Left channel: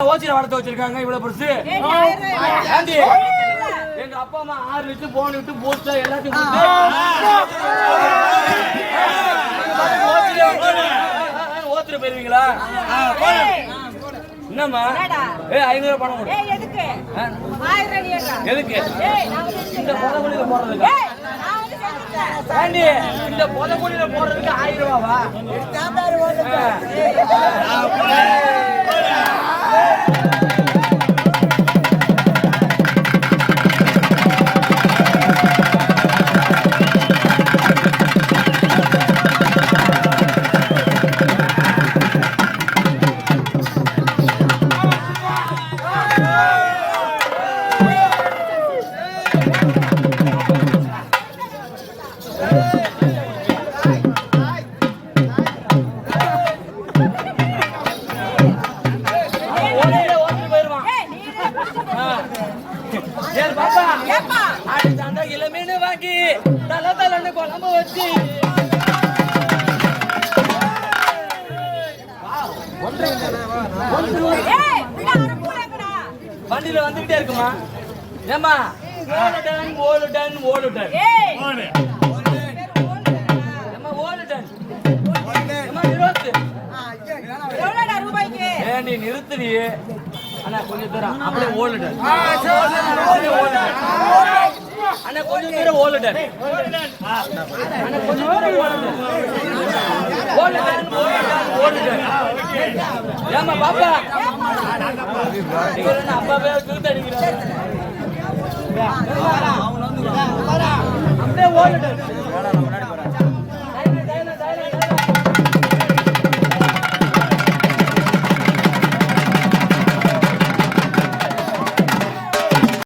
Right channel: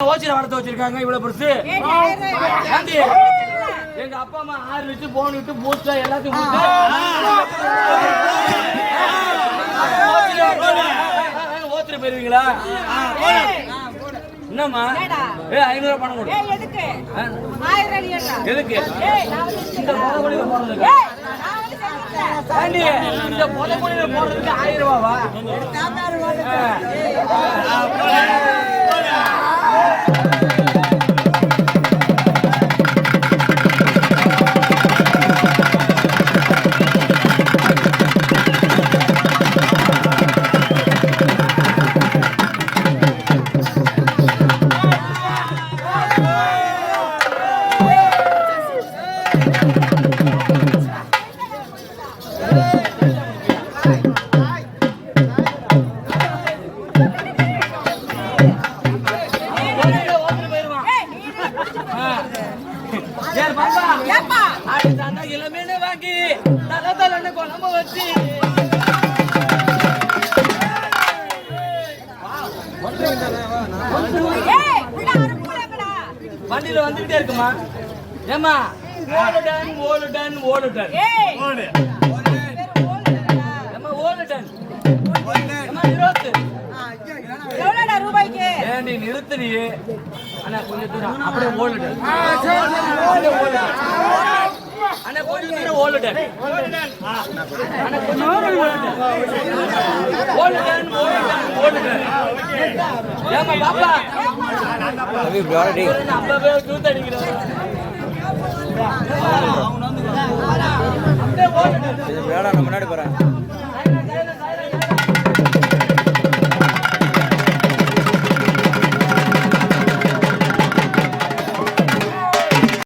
ஓச்சில வளர்த்து வச்சிருக்காங்க இவ்வளவு பெருசு. எங்க அப்பா அம்மா 6 லிட்டர் போனிட்டு பூஸ்டா எல்லாத்தையும் ஓத்துல போயிருவீங்களா? என்னம்மா 500 பணம் கொடு. எதுக்கு இந்த பொதக்குடியில போடுறதுக்கு? இந்த பொதக்குடியில போடுறதுக்கு 1000 ரூபாவா? இளமீனு வாங்கி தலை குழம்பு வச்சு வண்டியில வந்துகிட்டே இருக்குமா? ஏமா ஓலுடன் ஓலுடன் ஓலுடன் ஏமா ஓலுடன் ஏண்டி நிறுத்துறியே? அண்ணா கொஞ்சம் தூரம் அப்படியே ஓலுடன் அண்ணா கொஞ்சம் தூரம் ஓலுடன் அண்ணா கொஞ்சம் தூரம் ஓலுடன் ஓலுடன் ஓலுடன் ஓலுடன் ஏமா பாப்பா அப்பாவே தூத்து அடிக்கிறாரு அப்படியே ஓலுடன் முன்னாடி போறேன்.